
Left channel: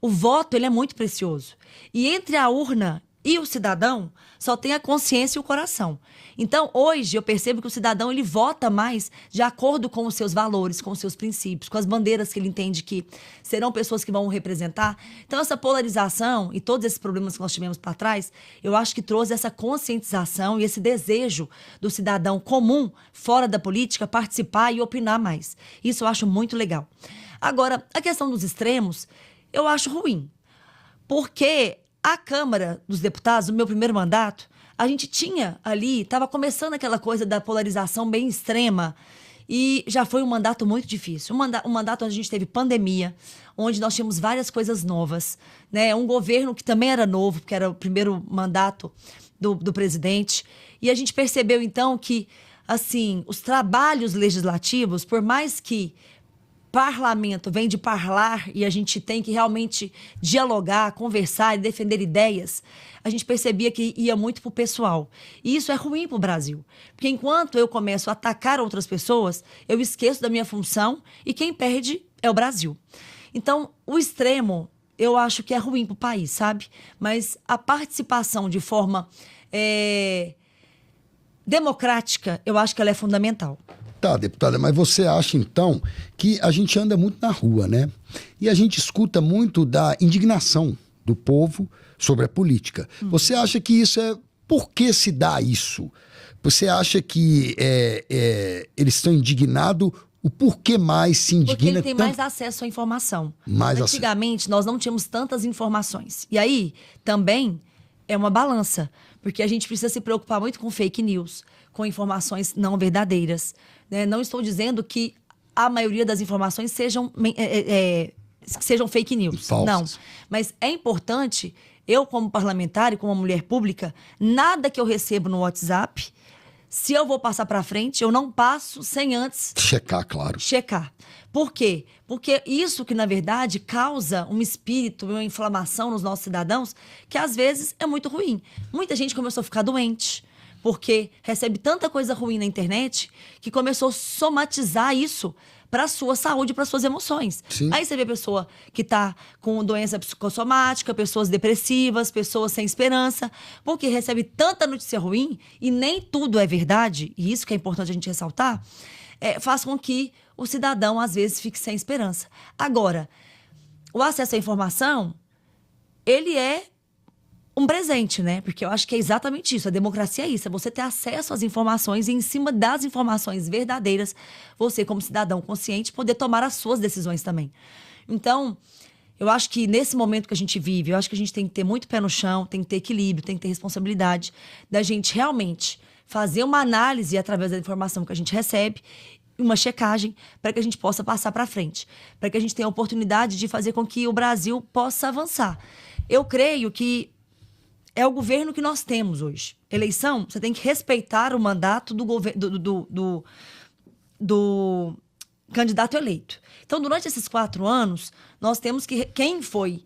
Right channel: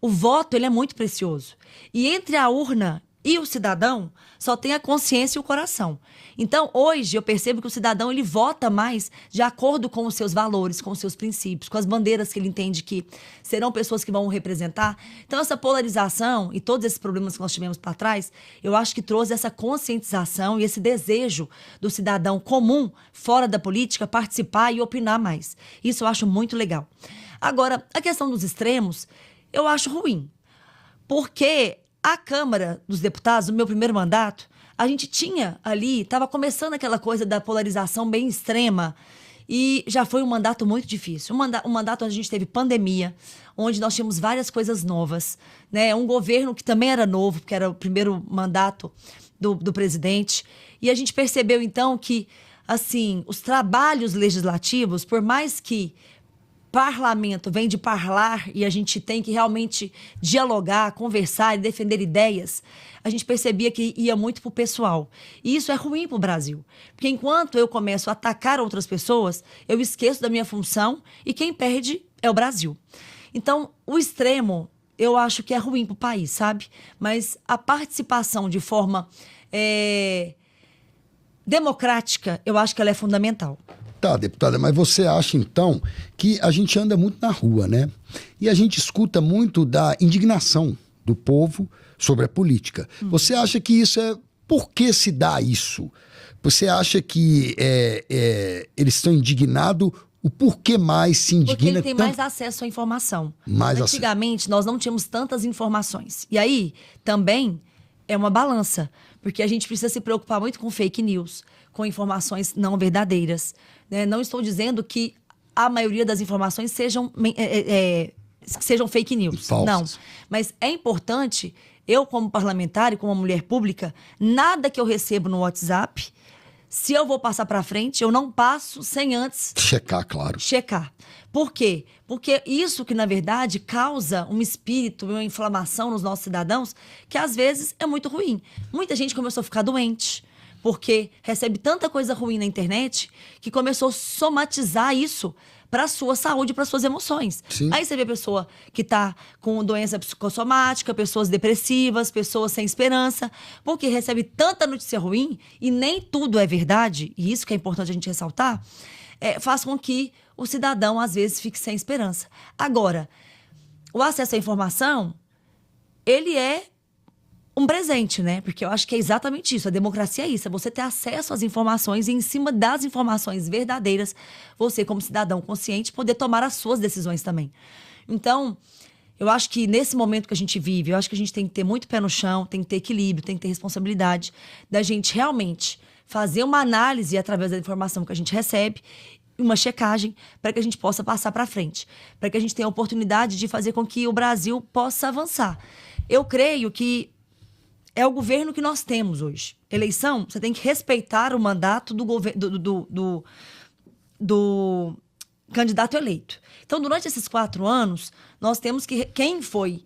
O voto, ele é muito precioso. E entre a urna e o cidadão, só tem a consciência e o coração. Então, hoje, eu percebo que o cidadão, ele vota mais de acordo com os seus valores, com os seus princípios, com as bandeiras que ele entende que serão pessoas que vão o representar. Então, essa polarização e todos esses problemas que nós tivemos para trás, eu acho que trouxe essa conscientização e esse desejo do cidadão comum, fora da política, participar e opinar mais. Isso eu acho muito legal. Agora, a questão dos extremos, eu acho ruim. Porque a Câmara dos Deputados, no meu primeiro mandato, a gente tinha ali, estava começando aquela coisa da polarização bem extrema e já foi um mandato muito difícil. Um mandato onde a gente teve pandemia, onde nós tínhamos várias coisas novas, né? Um governo que também era novo, porque era o primeiro mandato do presidente. E a gente percebeu, então, que assim, os trabalhos legislativos, por mais que parlamento vem de parlar e a gente tem que realmente dialogar, conversar e defender ideias, a gente percebia que ia muito pro pessoal. E isso é ruim pro Brasil. Porque enquanto eu começo a atacar outras pessoas, eu esqueço da minha função e quem perde é o Brasil. Então, o extremo, eu acho que é ruim pro país, sabe? Mas a participação de forma democrática, eu acho que ela é fundamental. Tá, deputada, mas você acha, então, que a gente anda muito na rua, né? E a gente escuta muito da indignação do povo sobre a política. Você acha que isso é... Por que se dá isso? Você acha que eles estão indignados? O porquê mais se indigna? Porque ele tem mais acesso à informação. Antigamente, nós não tínhamos tantas informações. E aí, também, é uma balança. Porque a gente precisa se preocupar muito com fake news, com informações não verdadeiras. Né? Não estou dizendo que a maioria das informações sejam fake news. Falsas. Não. Mas é importante, eu como parlamentar e como mulher pública, nada que eu recebo no WhatsApp, se eu vou passar para frente, eu não passo sem antes... Checar, claro. Checar. Por quê? Porque isso que, na verdade, causa um espírito, uma inflamação nos nossos cidadãos, que às vezes é muito ruim. Muita gente começou a ficar doente, porque recebe tanta coisa ruim na internet, que começou a somatizar isso para a sua saúde, para as suas emoções. Sim. Aí você vê pessoa que está com doença psicossomática, pessoas depressivas, pessoas sem esperança, porque recebe tanta notícia ruim e nem tudo é verdade, e isso que é importante a gente ressaltar, faz com que o cidadão, às vezes, fique sem esperança. Agora, o acesso à informação, ele é um presente, né? Porque eu acho que é exatamente isso. A democracia é isso. É você ter acesso às informações e, em cima das informações verdadeiras, você, como cidadão consciente, poder tomar as suas decisões também. Então, eu acho que nesse momento que a gente vive, eu acho que a gente tem que ter muito pé no chão, tem que ter equilíbrio, tem que ter responsabilidade da gente realmente fazer uma análise através da informação que a gente recebe, uma checagem, para que a gente possa passar para frente, para que a gente tenha a oportunidade de fazer com que o Brasil possa avançar. Eu creio que é o governo que nós temos hoje. Eleição, você tem que respeitar o mandato do candidato eleito. Então, durante esses 4 anos, nós temos que... Quem foi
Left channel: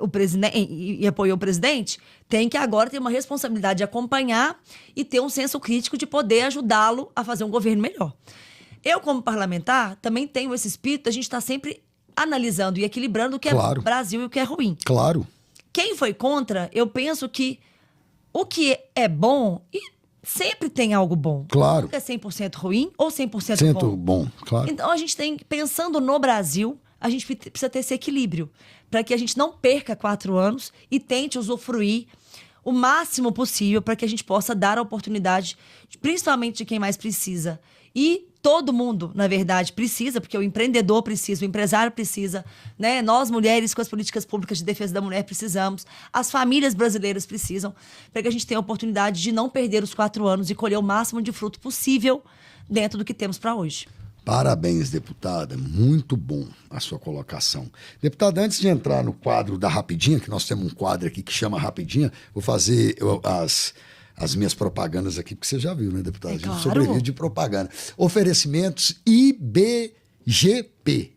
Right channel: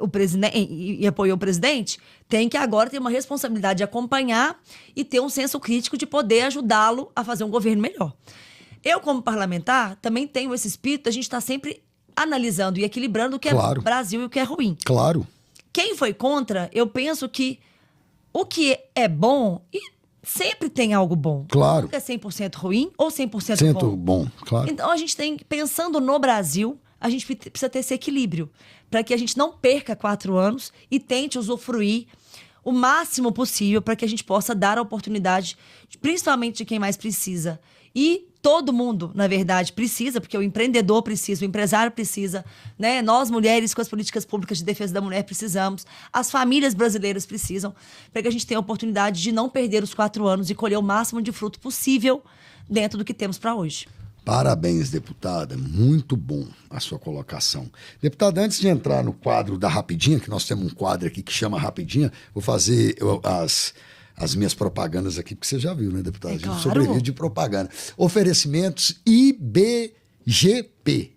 o presidente e apoiou o presidente, tem que agora ter uma responsabilidade de acompanhar e ter um senso crítico de poder ajudá-lo a fazer um governo melhor. Eu, como parlamentar, também tenho esse espírito, a gente está sempre analisando e equilibrando o que Claro. é Brasil e o que é ruim. Claro. Quem foi contra, eu penso que o que é bom, e sempre tem algo bom. Claro. Nunca é 100% ruim ou 100% Sinto bom. bom, claro. Então, a gente tem, pensando no Brasil, a gente precisa ter esse equilíbrio, para que a gente não perca 4 anos e tente usufruir o máximo possível para que a gente possa dar a oportunidade, principalmente de quem mais precisa. E todo mundo, na verdade, precisa, porque o empreendedor precisa, o empresário precisa, né? Nós, mulheres, com as políticas públicas de defesa da mulher, precisamos. As famílias brasileiras precisam, para que a gente tenha a oportunidade de não perder os 4 anos e colher o máximo de fruto possível dentro do que temos para hoje. Parabéns, deputada. Muito bom a sua colocação. Deputada, antes de entrar no quadro da Rapidinha, que nós temos um quadro aqui que chama Rapidinha, vou fazer as minhas propagandas aqui, porque você já viu, né, deputada? A gente sobrevive de propaganda. Oferecimentos IBGP,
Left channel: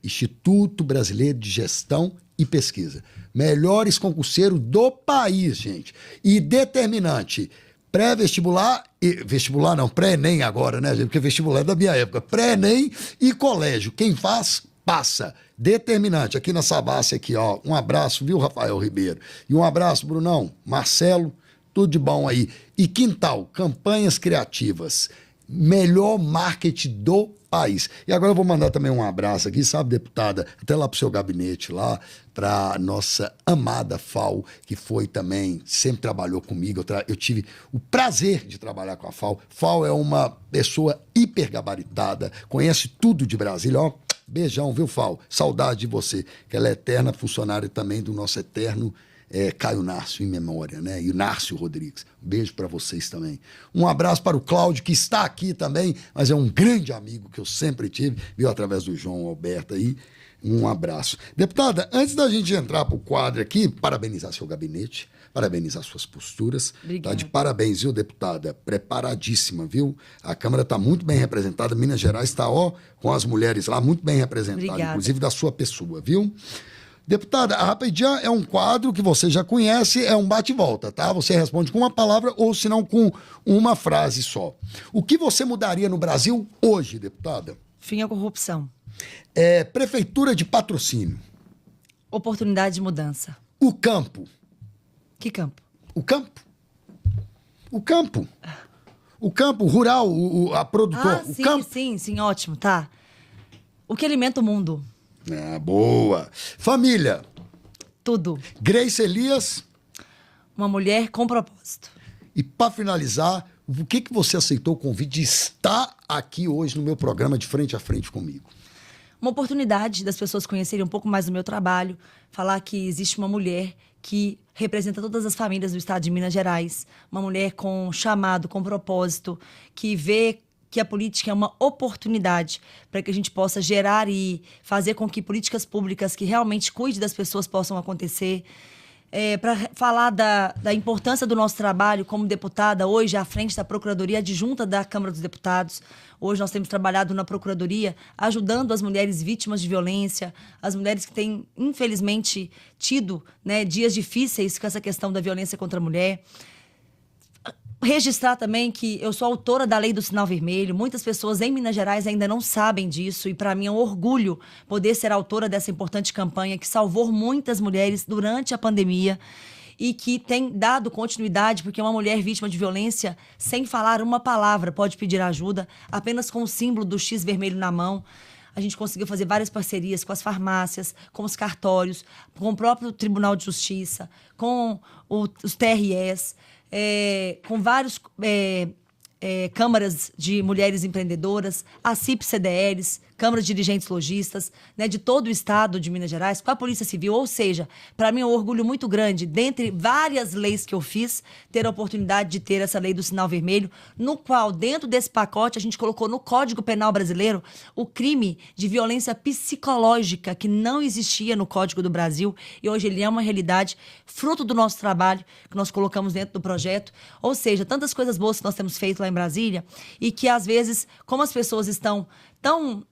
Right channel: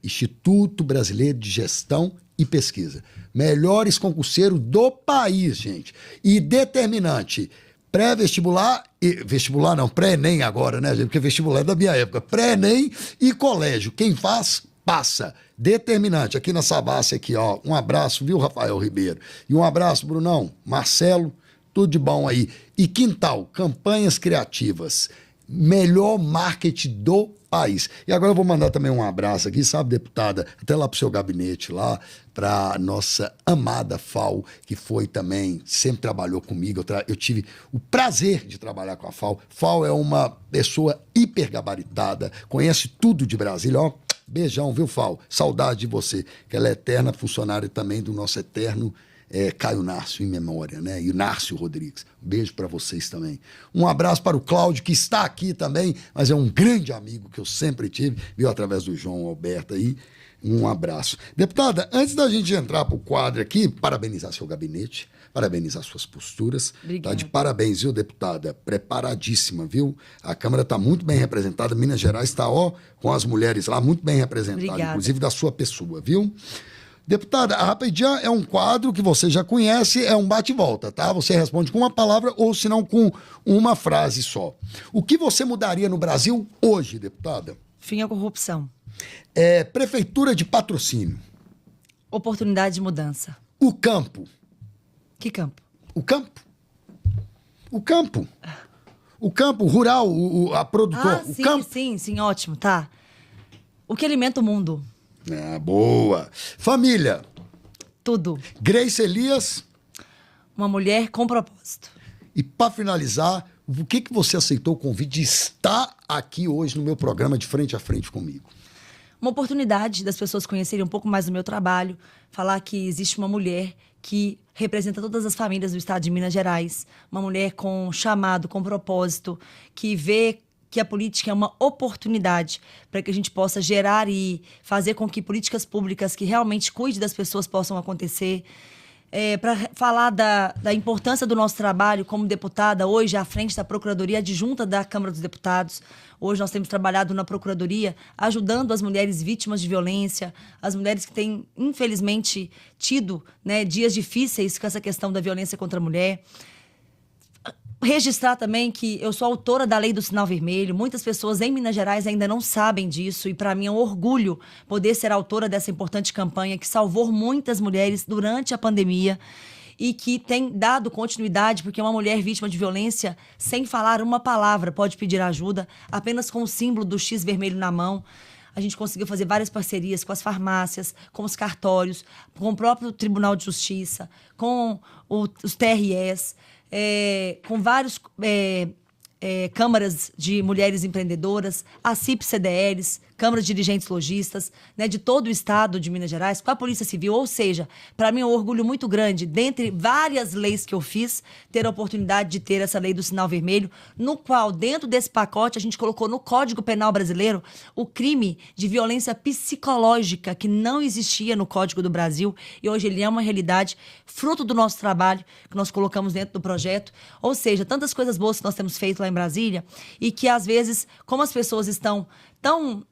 Instituto Brasileiro de Gestão e Pesquisa. Melhores concurseiros do país, gente. E determinante. Pré-vestibular, vestibular não, pré-ENEM agora, né, gente? Porque vestibular é da minha época. Pré-ENEM e colégio. Quem faz, passa. Determinante. Aqui na Savassi, aqui, ó. Um abraço, viu, Rafael Ribeiro? E um abraço, Brunão, Marcelo, tudo de bom aí. E Quintal, campanhas criativas. Melhor marketing do país. E agora eu vou mandar também um abraço aqui, sabe, deputada, até lá pro seu gabinete lá, para nossa amada FAO, que foi também, sempre trabalhou comigo, eu tive o prazer de trabalhar com a FAO. FAO é uma pessoa hipergabaritada, conhece tudo de Brasília, ó, beijão, viu, FAO? Saudade de você, que ela é eterna funcionária também do nosso eterno Caio Nárcio, em memória, né? E Nárcio Rodrigues. Um beijo para vocês também. Um abraço para o Cláudio, que está aqui também, mas é um grande amigo que eu sempre tive, viu, através do João Alberto aí. Um abraço. Deputada, antes da gente entrar para o quadro aqui, parabenizar seu gabinete, parabenizar suas posturas. Tá de parabéns, viu, deputada? Preparadíssima, viu? A Câmara está muito bem representada. Minas Gerais está, ó, com as mulheres lá, muito bem representada, inclusive da sua pessoa, viu? Deputada, a Rapidinha é um quadro que você já conhece, é um bate-volta, tá? Você responde com uma palavra ou, se não, com uma frase só. O que você mudaria no Brasil hoje, deputada? Fim à corrupção. Prefeitura de Patrocínio. Oportunidade de mudança. O campo. Que campo? O campo. O campo. O campo rural, a produtor. Sim, o campo. sim, ótimo, tá. O que alimenta o mundo? Boa. Família. Tudo. Grace Elias. Uma mulher com propósito. E para finalizar, o que você aceitou o convite de estar aqui hoje no meu programa de Frente a Frente comigo? Uma oportunidade das pessoas conhecerem um pouco mais do meu trabalho, falar que existe uma mulher que representa todas as famílias do estado de Minas Gerais, uma mulher com chamado, com propósito, que vê que a política é uma oportunidade para que a gente possa gerar e fazer com que políticas públicas que realmente cuidem das pessoas possam acontecer. Para falar da importância do nosso trabalho como deputada, hoje à frente da Procuradoria Adjunta da Câmara dos Deputados. Hoje nós temos trabalhado na Procuradoria ajudando as mulheres vítimas de violência, as mulheres que têm, infelizmente, tido, né, dias difíceis com essa questão da violência contra a mulher. Registrar também que eu sou autora da Lei do Sinal Vermelho. Muitas pessoas em Minas Gerais ainda não sabem disso e para mim é um orgulho poder ser autora dessa importante campanha que salvou muitas mulheres durante a pandemia e que tem dado continuidade, porque uma mulher vítima de violência, sem falar uma palavra, pode pedir ajuda apenas com o símbolo do X vermelho na mão. A gente conseguiu fazer várias parcerias com as farmácias, com os cartórios, com o próprio Tribunal de Justiça, com os TREs, com vários câmaras de mulheres empreendedoras, a CIP-CDLs, câmaras de dirigentes lojistas, né, de todo o estado de Minas Gerais, com a Polícia Civil. Ou seja, para mim é um orgulho muito grande, dentre várias leis que eu fiz, ter a oportunidade de ter essa lei do sinal vermelho, no qual, dentro desse pacote, a gente colocou no Código Penal brasileiro o crime de violência psicológica, que não existia no Código do Brasil, e hoje ele é uma realidade, fruto do nosso trabalho, que nós colocamos dentro do projeto. Ou seja, tantas coisas boas que nós temos feito lá em Brasília, e que, às vezes, como as pessoas estão tão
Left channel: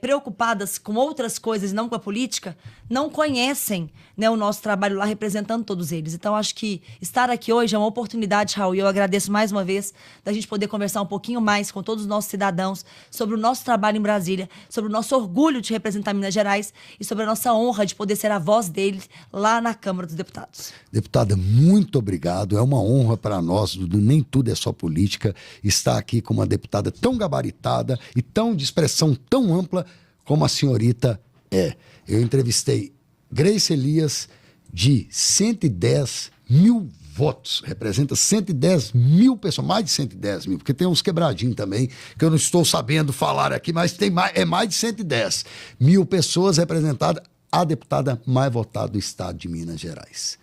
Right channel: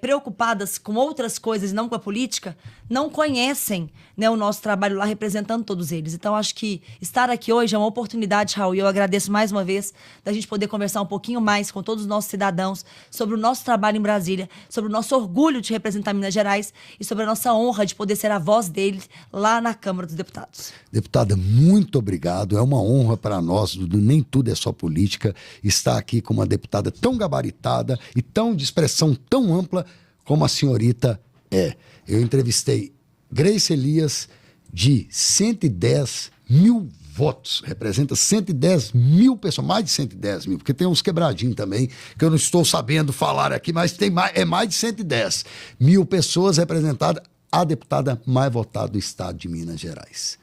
preocupadas com outras coisas e não com a política, não conhecem, né, o nosso trabalho lá representando todos eles. Então, acho que estar aqui hoje é uma oportunidade, Raul, e eu agradeço mais uma vez da gente poder conversar um pouquinho mais com todos os nossos cidadãos sobre o nosso trabalho em Brasília, sobre o nosso orgulho de representar Minas Gerais e sobre a nossa honra de poder ser a voz deles lá na Câmara dos Deputados. Deputada, muito obrigado. É uma honra para nós, nem tudo é só política, estar aqui com uma deputada tão gabaritada e tão de expressão tão ampla como a senhorita é. Eu entrevistei Grace Elias, de 110 mil votos, representa 110 mil pessoas, mais de 110 mil, porque tem uns quebradinhos também, que eu não estou sabendo falar aqui, mas é mais de 110 mil pessoas representadas, a deputada mais votada do estado de Minas Gerais.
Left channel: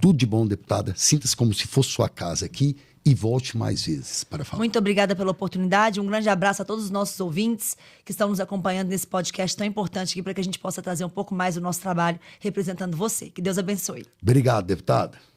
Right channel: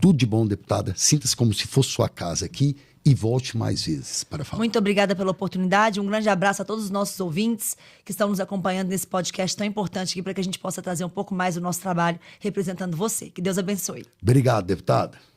Tudo de bom, deputada. Sinta-se como se fosse sua casa aqui e volte mais vezes para falar. Muito obrigada pela oportunidade. Um grande abraço a todos os nossos ouvintes que estão nos acompanhando nesse podcast tão importante aqui para que a gente possa trazer um pouco mais do nosso trabalho representando você. Que Deus abençoe. Obrigado, deputada.